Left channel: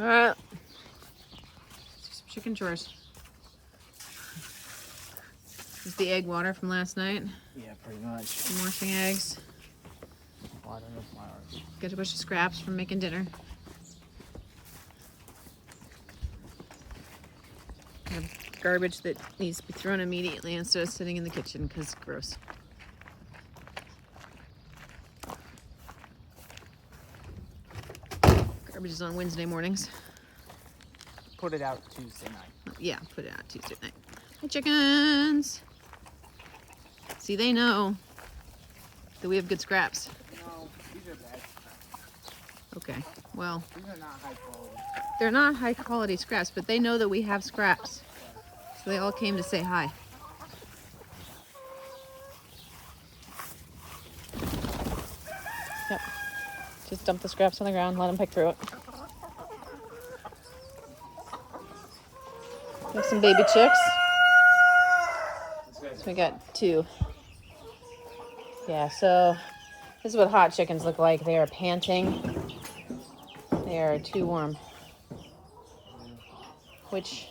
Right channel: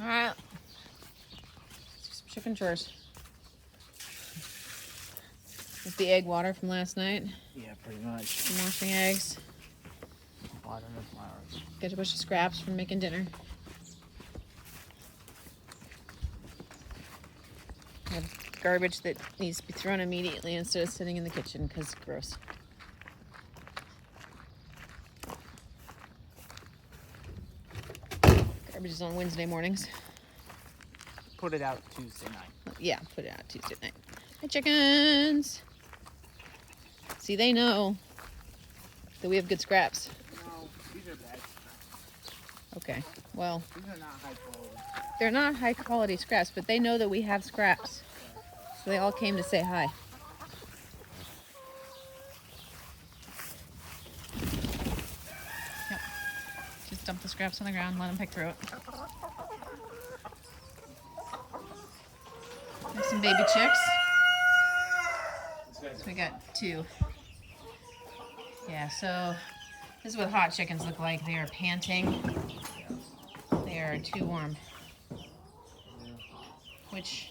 Alright. Some chicken chores. Is the egg water from last night? Yeah, pretty much. I'm washing eggs. Water and flowers. Get a bunch of scraps from making dinner. I have garbage that needs to be thrown immediately instead of sitting in the kitchen because it's gross. Garbage is on Wednesday mornings. Put it out Tuesday night. Yeah, put it out Tuesday night. Hi, chickens. See, they know that we have good scraps. No, these are bad. Okay, well, These are not high quality. they're not high quality scraps, but they know that we have scraps. So they all came to say hi. Yep. Just dump the scraps on the ground, let them pick through it. We have some baby chicks. We got 2. Yeah, so this is what hot chickens look like. They are panting. They are too warm. Which,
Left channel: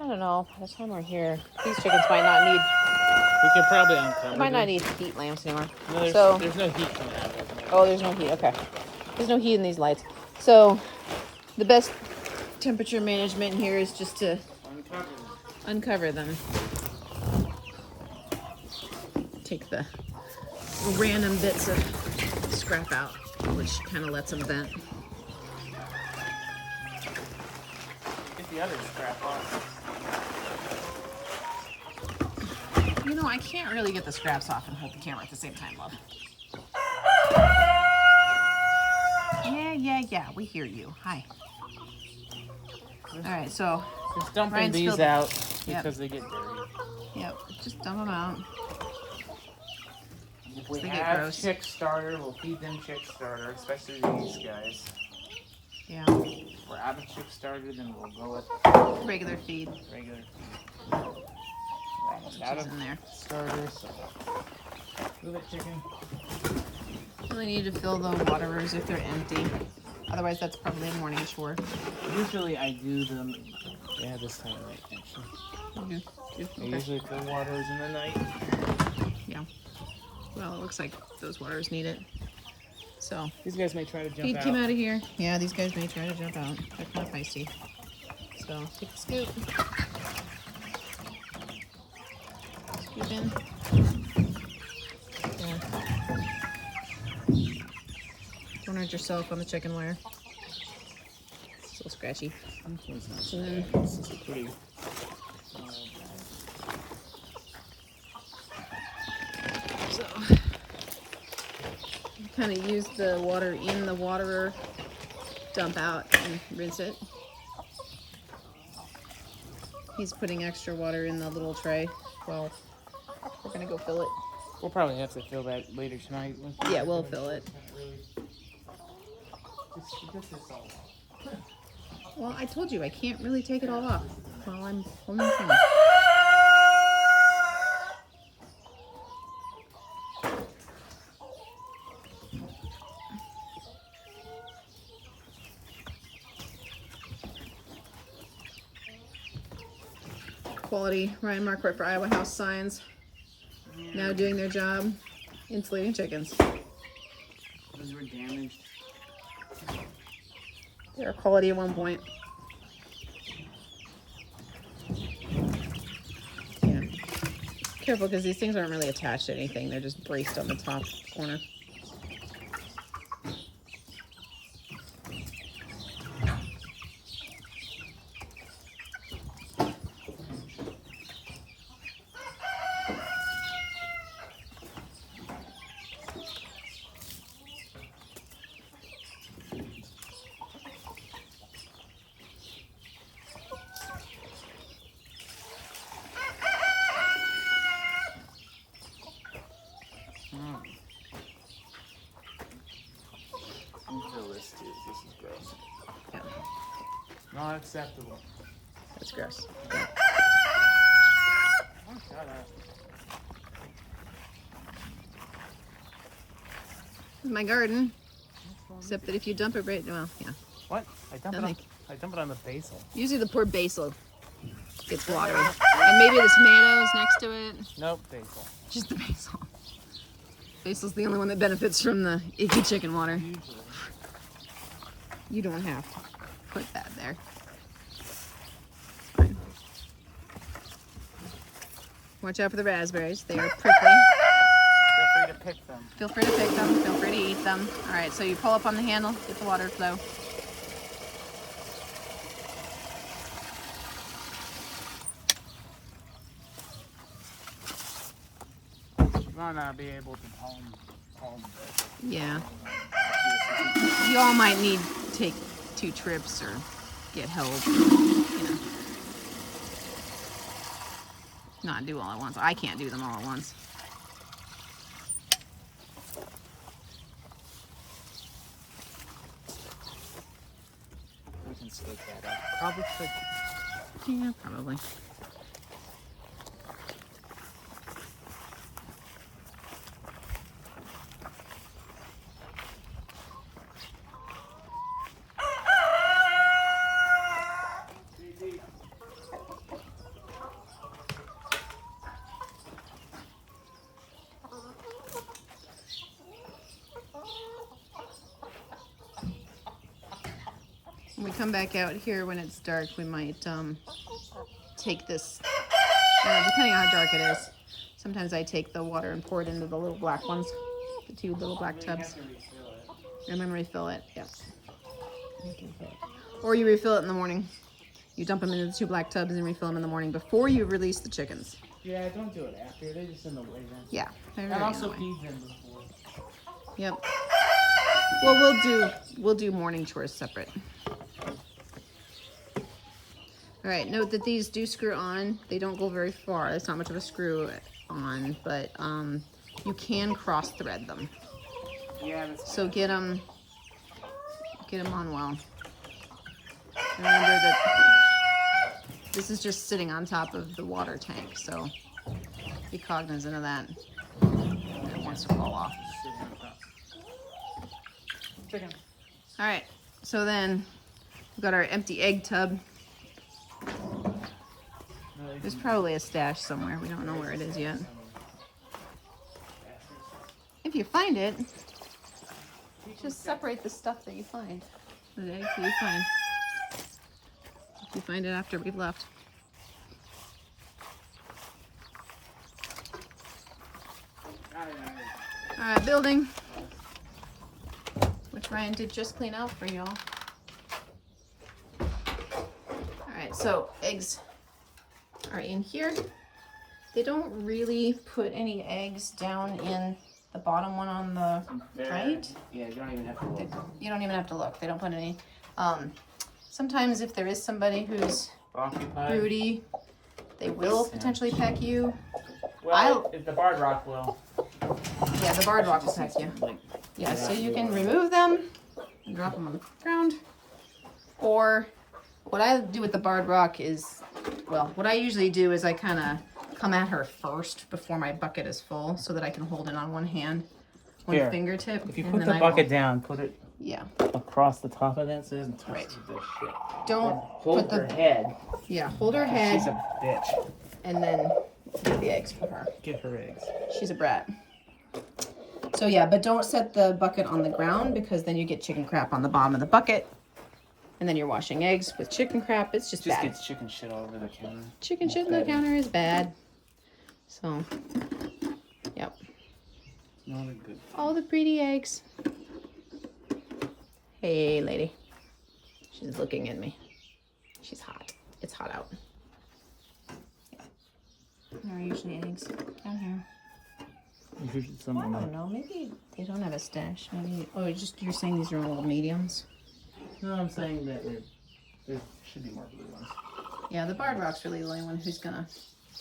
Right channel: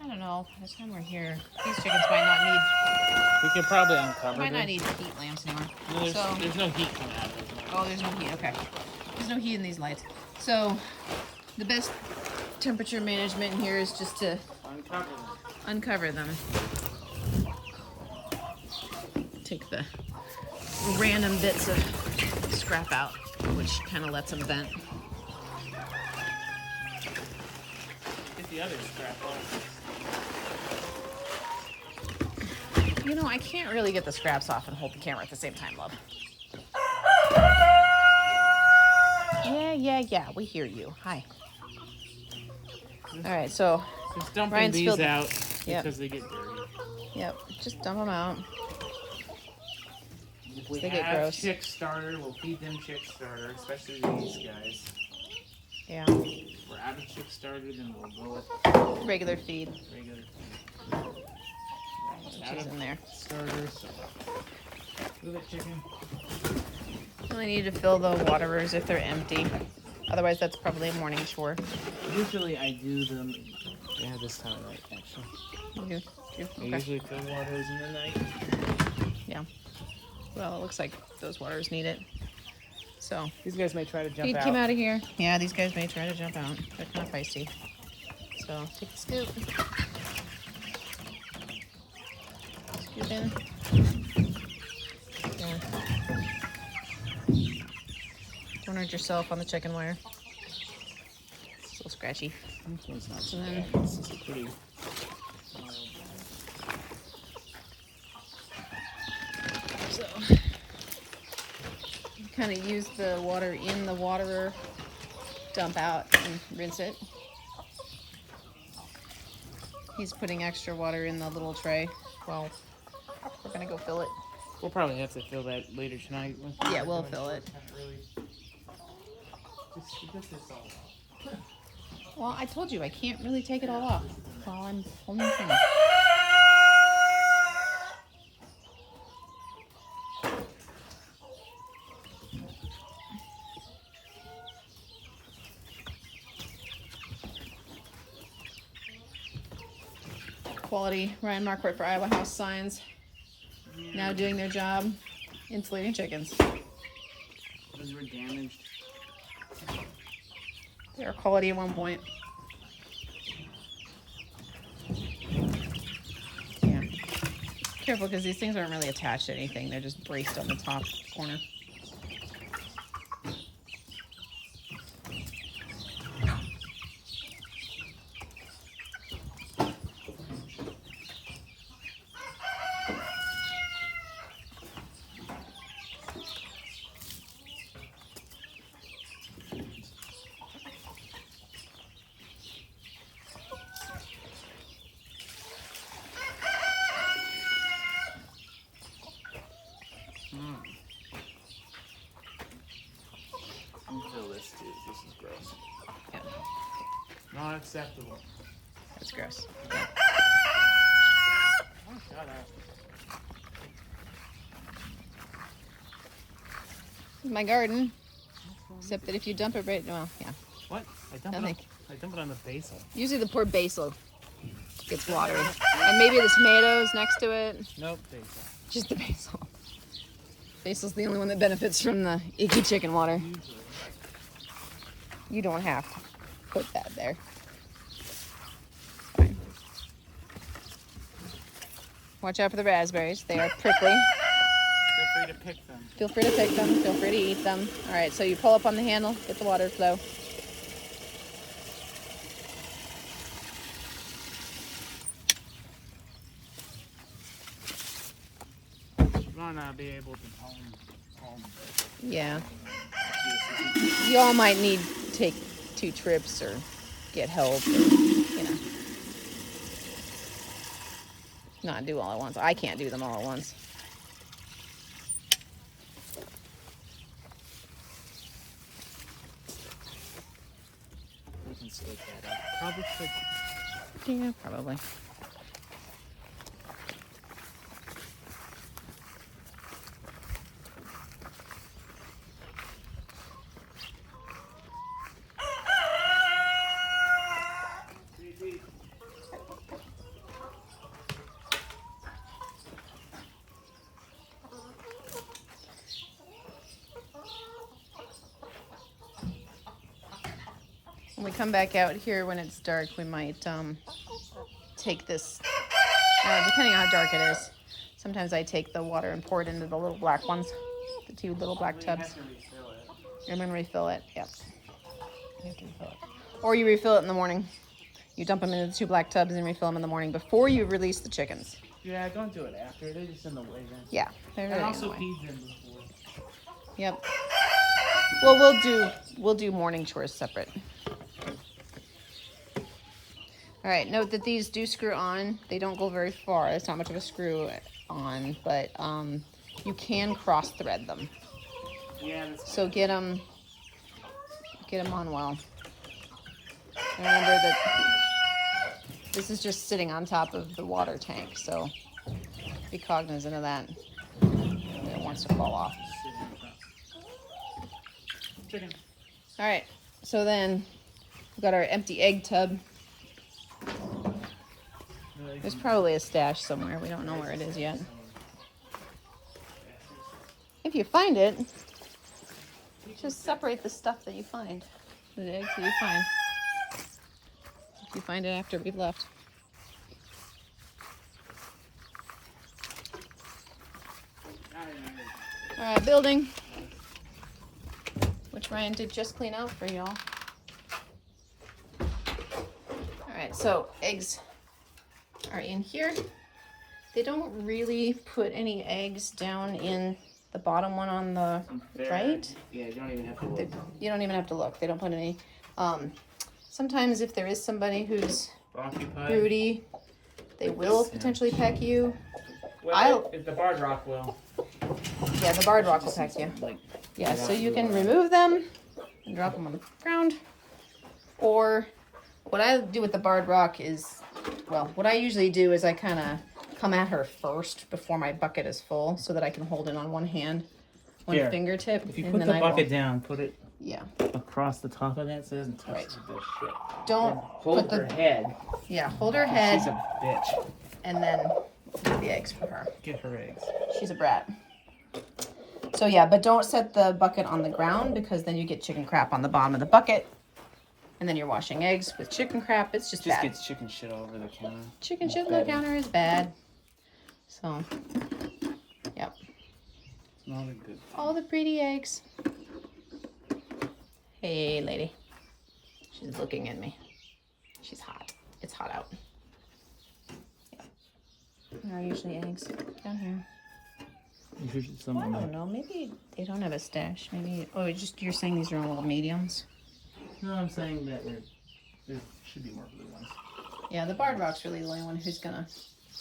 I don't know, by the time we're here, these chickens might not need, We could probably uncover might not them. need heat lamps anymore. No, So, there's no heat coming out of it. oh, there's no heat, okay. There's no heat in these lights. So, the best temperature management here is just to Uncover them. uncover them. Take the random bits of scrap out, which kind of lets them vent. Get the other scrap off. You know, I can't really get the scraps off and hold the camera at the same time, though. Yeah, we hear you. Hi. All right, so, Just dumping Ryan's these filled- out Yep. because they get dirty. yep, just dump them out. If we They get have gross. chick starter, we'll feed them chick starter, especially these guys. Yeah, If we're out of chick starter, then we'll go with regular feed. regular feed. Almost out She's of in there. starter, so move it, chicken. Only need to fill the waterers if they're empty. Otherwise, that's probably a morning chore. Usually I do them. Yeah, this time of night actually. You do? I Okay. usually fill waters in the night. Yeah. Well, it looks like those waters need it. So, These guys may try to jump feed out. came out of here. Yeah, these guys may try to jump out. They're kind of feisty. So, take the scoop. Scoop in. There. Don't hurt yourself on the chicken wire. So scratchy. This one's not So then- bad. This is a pretty. So, kind of use the water in the waterer, dump out, and rinse it. He's putting extra water in the little tray. Well, we're gonna go fill it. We'll probably have to fill that later tonight. Yeah, we'll fill it. This is all off. Well, I told you I can't really take it all off while I'm holding the camera. Quality Ryan Marquardt for Iowa House signs now doing their job, insulating chickens. Those were damaged. They were quality at one point. Yeah. Careful, because these things aren't really attached to anything. They're just braced on the top corner. Fill this too. This is gross. Yeah, Not acceptable. that's gross. Oh, shut up. This is my garden. Except that if you dump it right, well, yeah, What? I dumped nothing. it. I dump it on the basil. Usually the poor basil gets watered. And maybe the tomatoes next to it. Nope, basil. Just the basil. Basil's the only one that benefits from the icky chicken water. Usually. You don't have to put that there. Fine. Watch out for the raspberries. They are prickly. Feel free to pick them. Feel free to pick them. Feel free to eat them. All right, so you pull up on the handle, get the water flow. You might not be able to palm this. Yeah. You all might need to take 2 trips or get help. Or, not do all at once. I can't do them all at once. We can stake that up. Probably should. Yeah, probably. When we come back out here when it's dark, we might take this, depending on how dark it is. Sometimes I take the water and pour it into the little black ones, the 2 little black tubs. And then refill it, yep. You have to refill it. Or you refill it in the morning. You dump them into the 2 black tubs and refill them in the morning before you release the chickens. Yeah, don't do it after. They're just in the way then. Yeah. And also feed them before. Yep. Well, we'll do morning chores separate. All right, note that these do screw on. They don't go very far. It's not much of a screw on, but you can cross thread them. Yeah, that's So get them on well. Remember that this is just sitting on top of the water tank, so be cognizant of that. It has to fall off. Chicken. All right, so then we've got our empty egg tub. There's probably a stash somewhere. We don't know where it is yet. If you find it, just separate the stuff that you find. The eggs that you find. If you find it after we've left. Alright, building. Which Ryan did just clean out for y'all. Alright, so eggs are in here. They don't really put any eggs down in the bottom one on the right. Yeah, you don't even have to look. You don't even have to look. They don't put any. Sometimes if there is somebody who's Occupied. broody, they will potentially peck you. Well, if the barred rock will. Yeah, the barred rock will peck you. Yeah, so you can remove them and drop them on the ground. Or what I do with the barred rock is, well, what I usually do is I kind of come at her first before my bucket is full so that I can hold it on one hand, one Here, fingertip. If you put the bucket down, put it across the top of that so it doesn't touch Right. this shit. Don't And hold put her head. Yeah, hold her head She's a bitch. and then do the eggs for her. Give her eggs. She's a brat. So yeah, but don't set the bucket on the ground because then you get chicken crap on the bottom of the bucket. And then you're washing eggs with chicken crap. It's just bad. Gets chicken shit all over the counter. Chicken shit on the counter is bad. So, yep. It's not a good thing. All the pretty eggs. Hey, lady. She's looking at me. She's hot. It's hot out. Where are usually eggs? Down here. Usually I don't know. Maybe they don't have a stash. Maybe. Oh, you're saying these are all mediums? No, I'm saying that there should be more blue ones. Yeah, the barred rock's really the only one who's gonna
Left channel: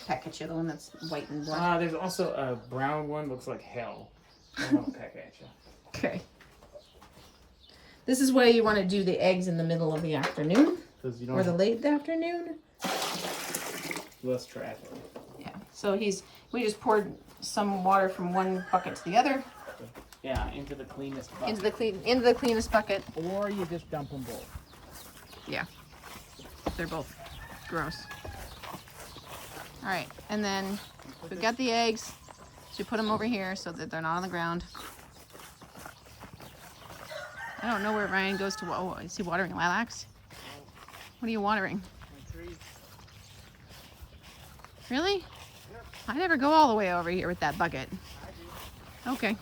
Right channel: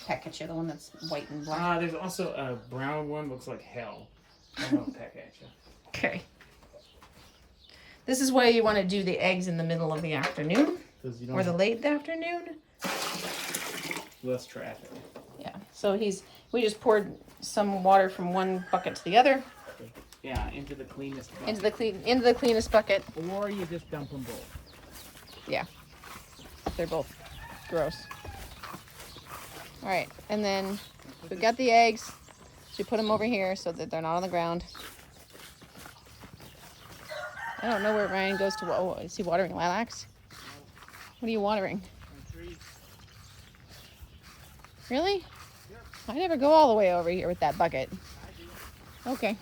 peck at you. The one that's white and black. There's also a brown one. Looks like hell. And I'll peck at you. Okay. This is why you want to do the eggs in the middle of the afternoon You don't or the late afternoon. less traffic. Yeah. So we just poured some water from one bucket to the other. Yeah, into the cleanest bucket. Into the cleanest bucket. Or you just dump them both. Yeah. if they're both gross. All right, and then we've got the eggs. You put them over here so that they're not on the ground. I don't know where Ryan goes to. Oh, is he watering lilacs? What are you watering? My trees. Really? Yep. I never go all the way over here with that bucket. I do. Okay.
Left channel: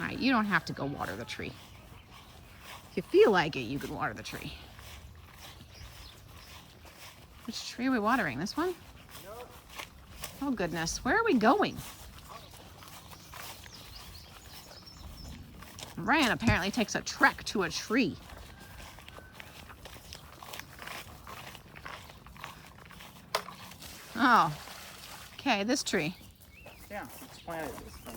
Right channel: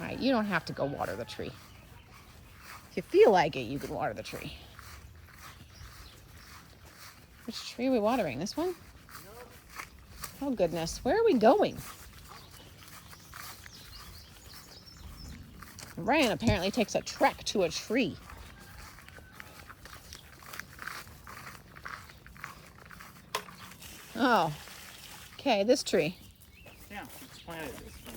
All right, you don't have to go water the tree. If you feel like it, you can water the tree. Which tree are we watering? This one? Nope. Oh goodness, where are we going? Ryan apparently takes a trek to a tree. Oh, okay, this tree. Yeah, it's planted this one.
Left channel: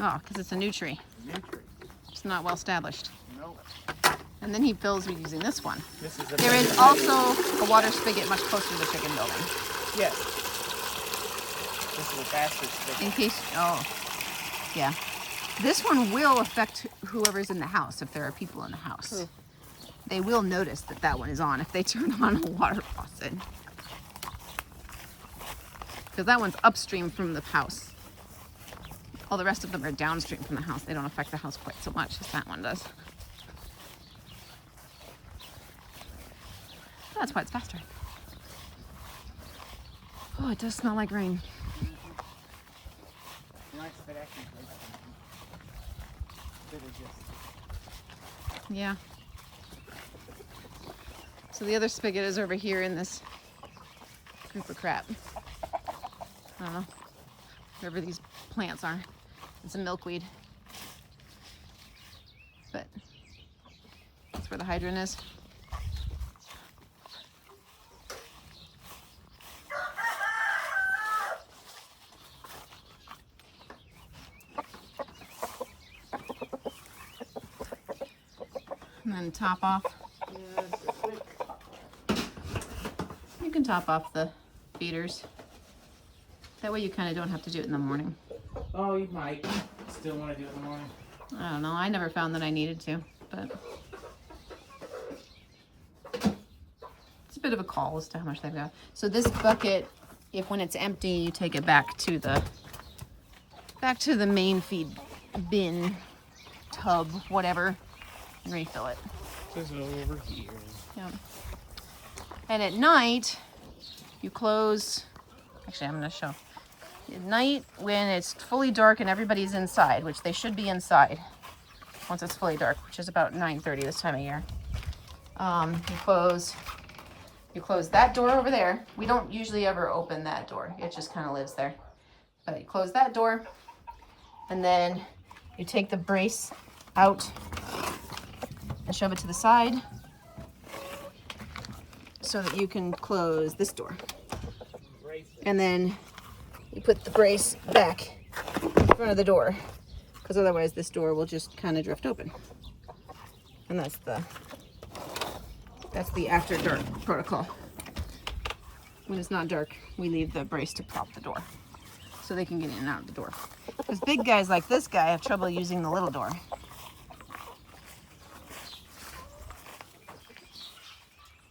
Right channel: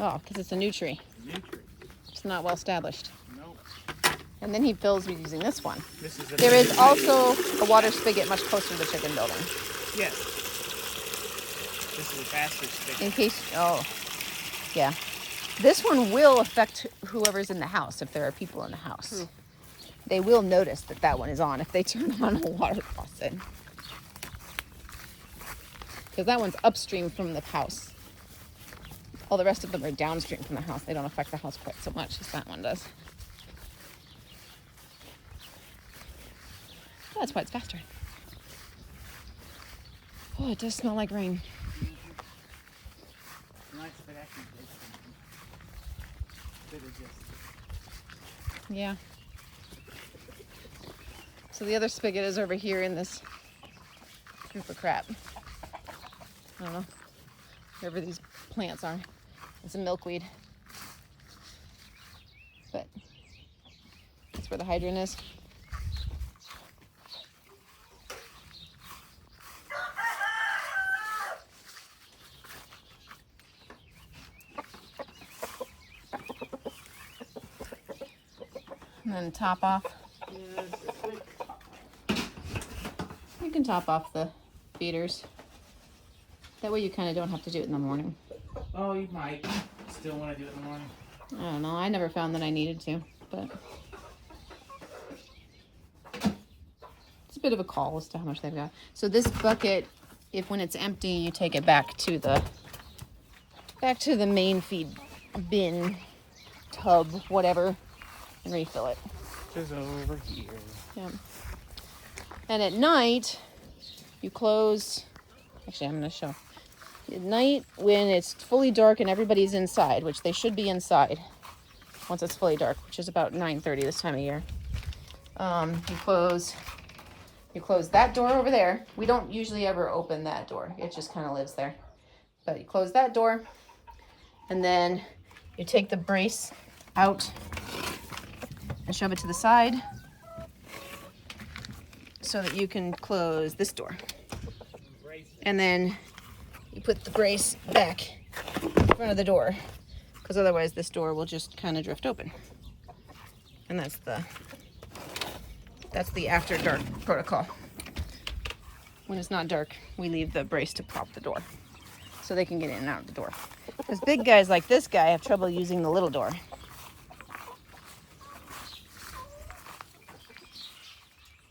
Oh, because it's a new tree. New tree. It's not well established. Nope. And then he fills using this one. This is a There is also a water spigot much closer to the chicken building. Yes. This is a faster stick. In case, oh, yeah. This one will affect whoever's in the house if there are people in the house. True. They will notice that that one is on if they turn on the water faucet. Because that one's upstream from the house. All the rest of them are downstream from the house. They don't affect the house quite so much as that one does. Oh, that's why it's faster. Oh, it does smell like rain. Nice if it actually breaks something. Instead of just... Yeah. So the other spigot is over here in this super crap. Wherever these plants are. It's a milkweed. But that's where the hydrant is. And then top off. You can top off the feeders. That way you kind of don't have to do it in the morning. Oh, you might still want to do it in the morning. I don't know. I never found that I needed to, but it's a bit of a call as to how much they've got. So this bucket, if when it's empty, you take it back to the main feed bin, tub, whatever, and refill it. Just over here. Yeah. And at night, you close. Actually, I'm gonna show. At night, when it's fully dark and everybody's inside, which they should be inside once it's fully dark, which is about 9:30 this time of year. You close that door over there. We don't usually ever open that door. It just kind of lives there. But you close that door, and then you take the brace out and shove it to the side so that you can close this door. And then you put the brace back in front of the door, because otherwise this door will just kind of drift open. And that's the after dark protocol. When it's not dark, we leave the brace to pop the door so they can get in and out of the door. Because big guys like this guy have trouble using the little door.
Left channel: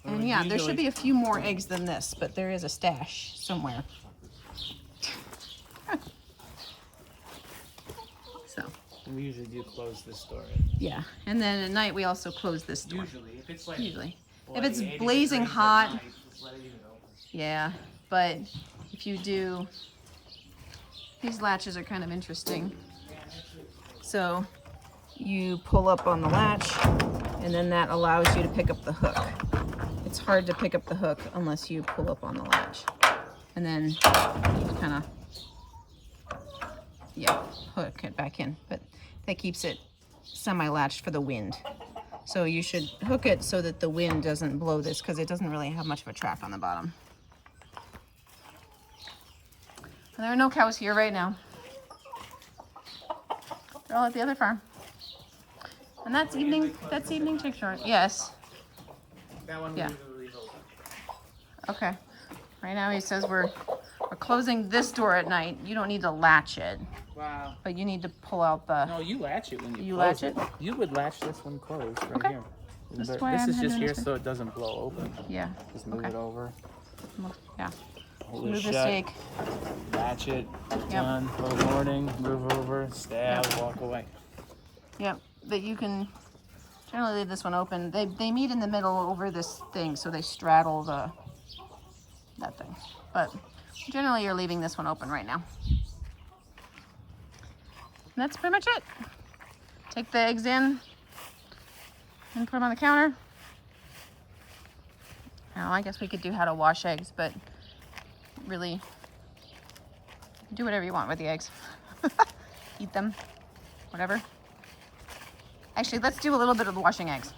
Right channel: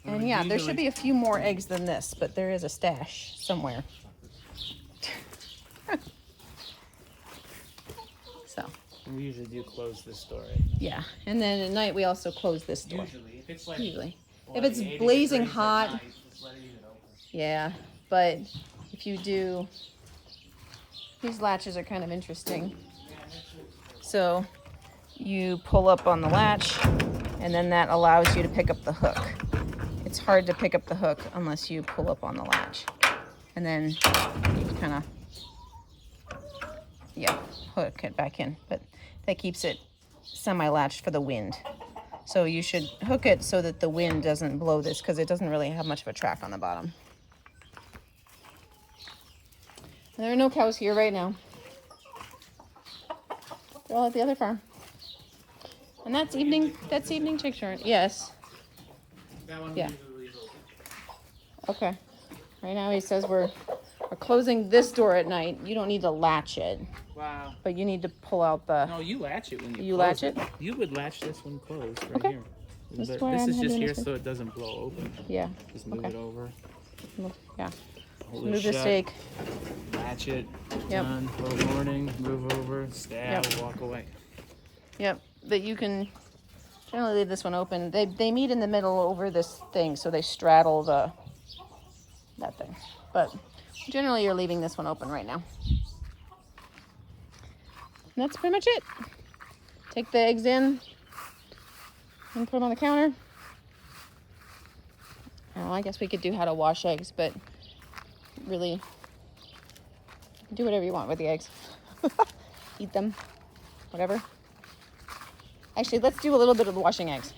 And yeah, there should be a few more eggs than this, but there is a stash somewhere. So. We usually do close this door. Yeah, and then at night we also close this door. Usually, if it's like if it's blazing hot, yeah. But if you do, these latches are kind of interesting. So you pull up on the latch, and then that allows you to pick up the hook. It's hard to pick up the hook unless you pull up on the latch, and then you kind of, yeah, hook it back in. But that keeps it semi-latched for the wind. So you should hook it so that the wind doesn't blow this, because it doesn't really have much of a track on the bottom. And there are no cows here right now. They're all at the other farm. And that's evening chick short. Yes. That one Yeah. usually leaves open. Okay. Right now he says we're closing this door at night. You don't need to latch it, Wow. but you need to pull out the. No, you latch it when you You close latch it? You would latch this one closed right Okay. here. This But way this I'm is just heading here to- so it doesn't blow open. Yeah. Just move Okay. it over. Yeah. Hold it Move the shut. stake. Latch it. Yep. Done. Little warning. Move over. Stab. Yep. Walk away. Yep. But you can generally leave this one open. They meet in the middle over this thing, so they straddle that thing. But generally, you're leaving this one open right now. And that's pretty much it. Take the eggs in and put them on the counter. Now, I guess we could do how to wash eggs, but really do whatever you want with the eggs. Eat them, whatever. Actually, let's do a little bit of the washing eggs.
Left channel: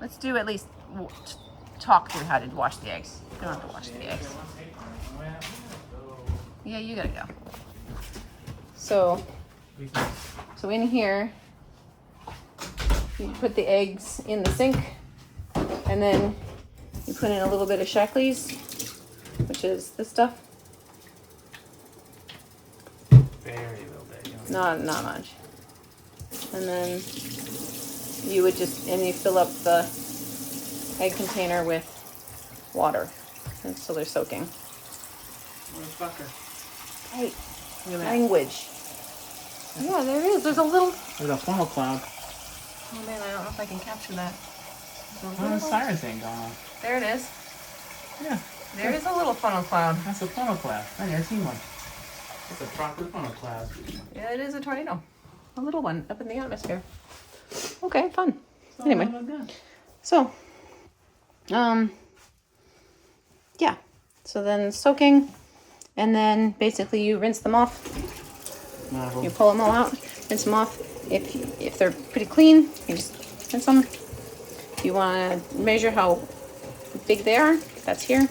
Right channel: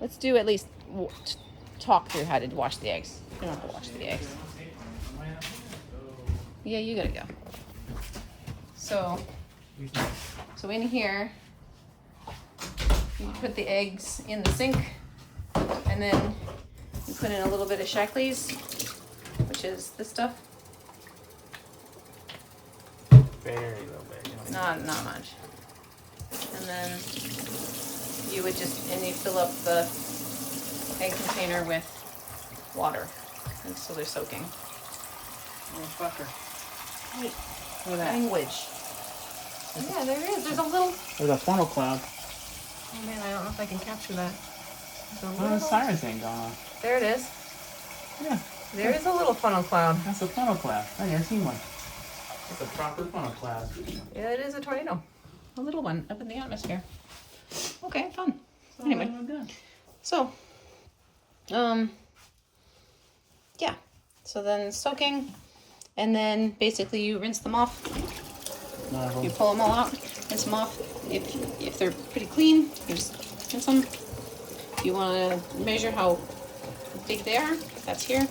Let's do at least talk through how to wash the eggs. I don't have to wash the eggs. Yeah, you gotta go. So in here, you put the eggs in the sink, and then you put in a little bit of Shackley's, which is this stuff. Very little bit. You don't Not much. And then you would you fill up the egg container with water, and so they're soaking. Motherfucker. Hey, language. Yeah, there is. There's a little. There's a funnel cloud. Oh man, I don't know if I can capture that. There's a Oh, the little. siren thing going on. There it is. Yeah. There is a little funnel cloud. That's a funnel cloud. I've never seen one. It's a proper funnel cloud. Yeah, it is a tornado. A little one up in the atmosphere. Okay, fun. Anyway, so, yeah. So then soaking, and then basically you rinse them off. You pull them all out, rinse them off. If they're pretty clean, you just rinse them. If you want to measure how big they are, that's here.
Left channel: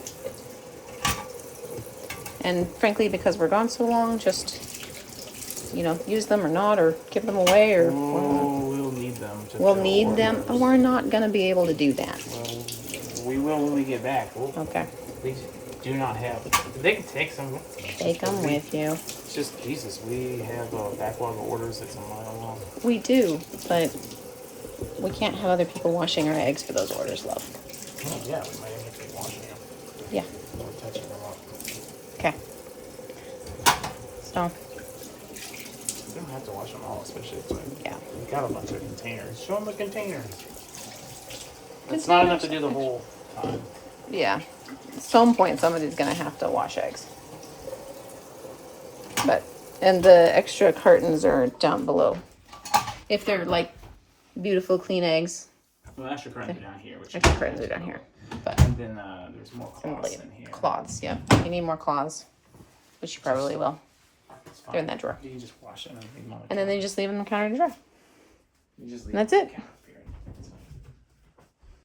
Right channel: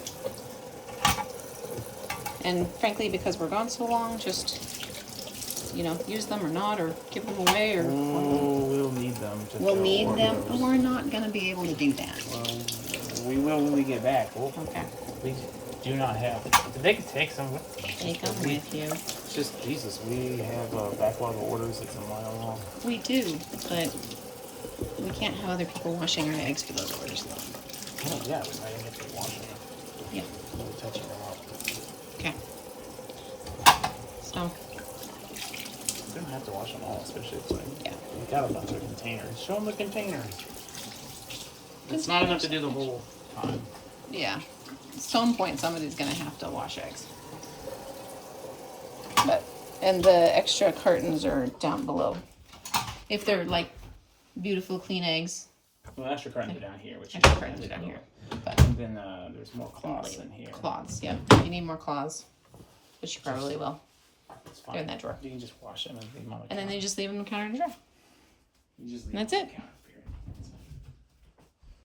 And frankly, because we're gone so long, just use them or not, or give them away, or we'll need them. we'll need them. But we're not gonna be able to do that. Well, we will when we get back. Okay. We do not have. They can take some with them. Take them with you. It's just Jesus. We have a backlog of orders that's a mile long. We do, but we can't have other people washing our eggs for those orders, love. Oh, yeah, we might have to wash them. Yeah. We're touching them up. Okay. So. We don't have to wash them all, especially if Yeah. we got a bunch of containers. Show them the containers. It's not enough to do the whole time. Yeah. At some point, somebody's gonna have to wash eggs. And the extra cartons are down below. If they're like beautiful, clean eggs, Well, extra cartons are down here. Which extra cartons are down here. But And then there's more cloths in here. cloths, yeah. You need more cloths, which you probably will. It's fine. They're in that drawer. You can just wash them and leave them on the And then they just leave them in the counter to dry. You just leave And that's them on it. the counter.